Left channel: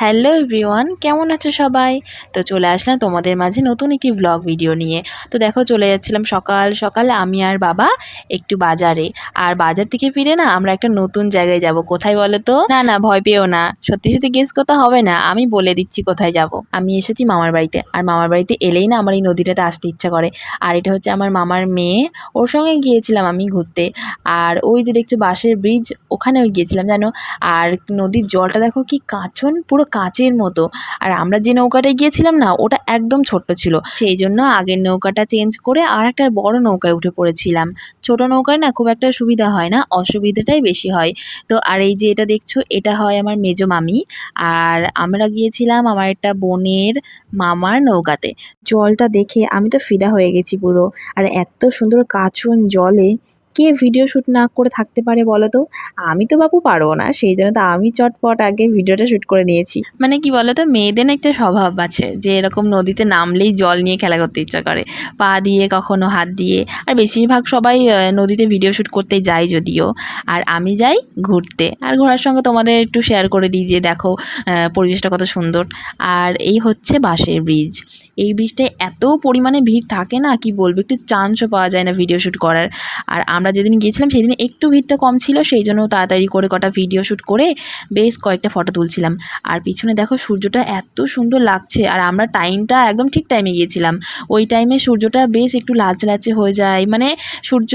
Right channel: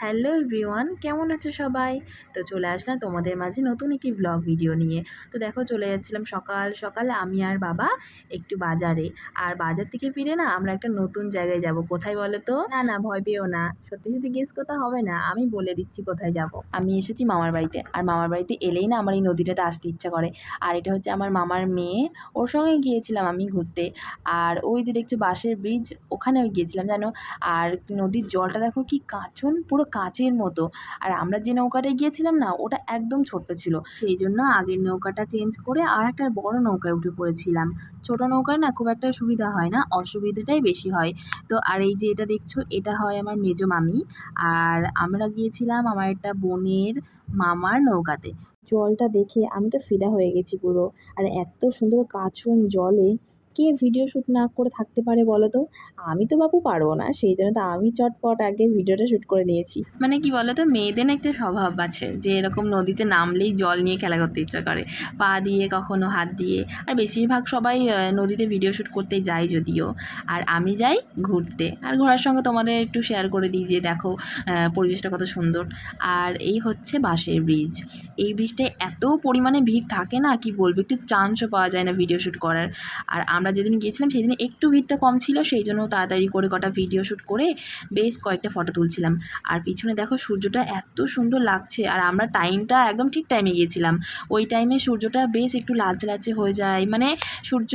Hello everyone, কেমন আছো সবাই? তো চলে আসলাম তোমাদের মাঝে নতুন একটি ব্লগ ভিডিও নিয়ে। তো দেখো, চলে যাচ্ছিলাম সকাল সকাল আমি আর বাবা একটু বাজারে। আর বাজার থেকে ফিরে না আমরা একটা নতুন জায়গায় যাব। কোথায় বলো তো? না না, ভয় পেও না, সত্যি সত্যি গেস করতে হবে না, আমি বলে দিচ্ছি কোথায় যাব। আমি এসেছি মামার বাড়িতে, আর মামার বাড়িতে এলেই না আমার এই নদীটাতে আসতে ইচ্ছা করে। আর এটা হচ্ছে আমার মামার মেয়ে, ওর সঙ্গে গিয়েছিলাম আমি ঘুরতে। আর ওই যে দেখছো বাঁশের ব্রিজ, ওখানেও গিয়েছিলাম জানো। আর নদীর জলটা দেখো কি কাঁচন, পুরো কাঁচের মতো। আর আমরা যে নৌকাটায় গিয়েছিলাম না, ওটা একদম ছোট্ট ছিল, সেই জন্য আগের নৌকাটা চেঞ্জ করে আর একটা বড় নৌকায় উঠে পড়েছিলাম। ছোট নৌকায় না খুব একটা সুবিধা হয় না, অসুবিধাটাই বেশি হয়। তো আর এই যে এটা দেখছো, এটা হয় আমার মেজো মামি। আর আমরা গিয়েছিলাম আমার একটা বোনের মামার নৌকাতে। জলটা দেখে আমি তো ফিদা হয়ে গেছি পুরো। আর এত সুন্দর কাঁচন জলে কে ভিডিও শ্যুট না করে থাকতে পারে বলো তো? আমি তো বাপু পারবো না, সেই জন্য তো আমি চটপট আগে ভিডিওটা শ্যুট করে নিয়েছি। মানে কি বলতো, মেয়েদের না একটা স্বভাব আছে যে এরকম নদীতে নামলেই জল নিয়ে খেলা করতে ইচ্ছা করে, পা দিয়ে কখনো হাত দিয়ে। আর বেশিরভাগ সবাই নদীতে ভিডিও শ্যুট করতে যায় যদিও, আর আমি যাই ঘুরতে। আর ঘোরার সঙ্গে তোমাদের একটু শেয়ার করে দিই যে দেখো পরিবেশটা কত সুন্দর। আর এই হচ্ছে বাঁশের ব্রিজ। এই ব্রিজটায় এত পরিমাণে ভিড় থাকে না, কি বলবো, একটু চান্সও পাওয়া যায় না ভিডিও শ্যুট করার। আর আমরা যেদিন গিয়েছিলাম সেদিন একটু ভিড়টা কম ছিল, সেই জন্য তাড়াতাড়ি করে কটা ভিডিও শ্যুট করে বেশ কয়েকটা ফটো তুলছিলাম। আর পিছনে দেখো সূর্যটা এত সুন্দর লাগছে, আর আমরা টাইমটা একদম ঠিক টাইমে গিয়েছিলাম। ওই টাইমে সূর্যটা বেশ একটু লালচে লালচে হয়ে যায়, মানে সূর্য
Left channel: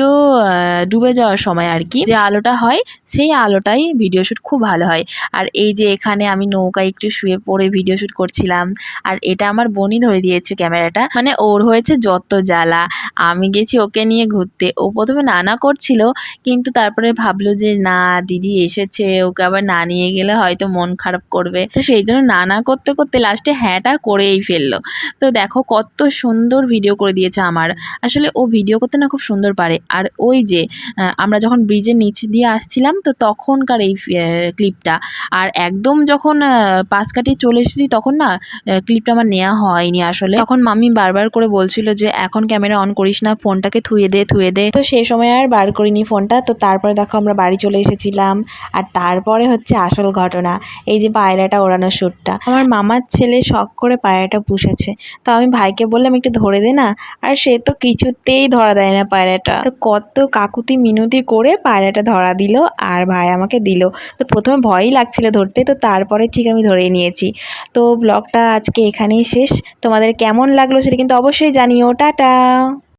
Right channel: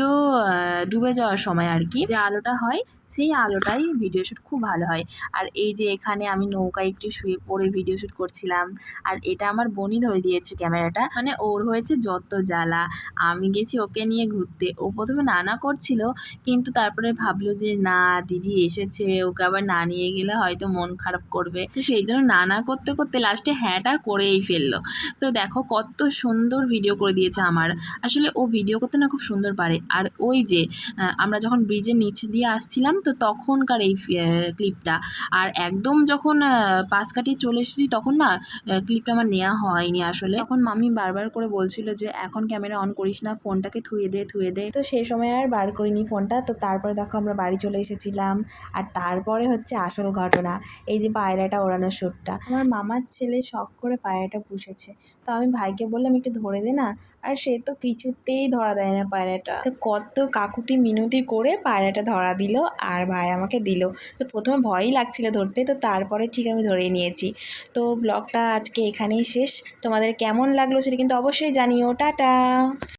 ডুবে যাওয়ার সময় আর কি, যে আলোটা হয় সেই আলোটাই ভিডিও শ্যুট খুব ভালো হয়। আর এই যে এখানে আমি নৌকায় একটু শুয়ে পড়ে ভিডিও শ্যুট করছিলাম। আর এটা আমার বোনই ধরে দিয়েছে ক্যামেরাটা, মানে ওর হয়েছে যত জ্বালা। আমি গেছি ওকে নিয়ে ঘুরতে, ও প্রথমে নানা করছিল, কিন্তু তারপরে ভাবলো যে না, দিদি এসেছে, ওকে আবার না নিয়ে গেলে হয়তো মন খারাপ করবে, তো সেই জন্য নানা করতে করতে লাস্টে হ্যাঁটা করেই ফেললো। তো দেখো কত সুন্দর ভিডিও করে দিয়েছে আমার। আসলে ও ভিডিও করতে না খুব সুন্দর পারে। আর ওই যে আমরা যখন ব্রিজের নিচ দিয়ে আসছিলাম, তো তখনকার এই ক্লিপটা। আর একদম যখন পাশ কাটিয়ে চলে এসেছি তখন না ক্লিপটা আমার নেওয়া হয়নি আসলে। তখন মামি বারবার করে বলছিল যে এখন ক্যামেরা অন করিস না, ফোনটাকে থুয়ে দে থুয়ে দে। তো সেই সময় আর বার করিনি ফোনটা। তো তারপরে দেখো আমরা বাড়ি চলে এসেছিলাম। আর তারপরে হচ্ছে আসল ঘটনা, এই যে পায়রাটা ওড়ানোর শ্যুটটা। আমার মামার ছেলে শখ করে পায়রাটা পুষেছে, তো আমি ভাইকে বললাম একটু ধরে দে না। আর সে তো কিছুতেই ধরা দেয় না পায়রাটা। তো কত কাকুতি মিনতি করে পায়রাটা ধরা দিল, আর ভাই আমাকে দিল। তো প্রথমে ভয়ই লাগছিল ধরতে, তো তারপরে ঠিক আমি ধরে নিয়েছি। তো ব্লগটা আজকে এখানেই শেষ। তোমাদের কেমন লাগলো সেটা কিন্তু অবশ্যই জানিও। টাটা।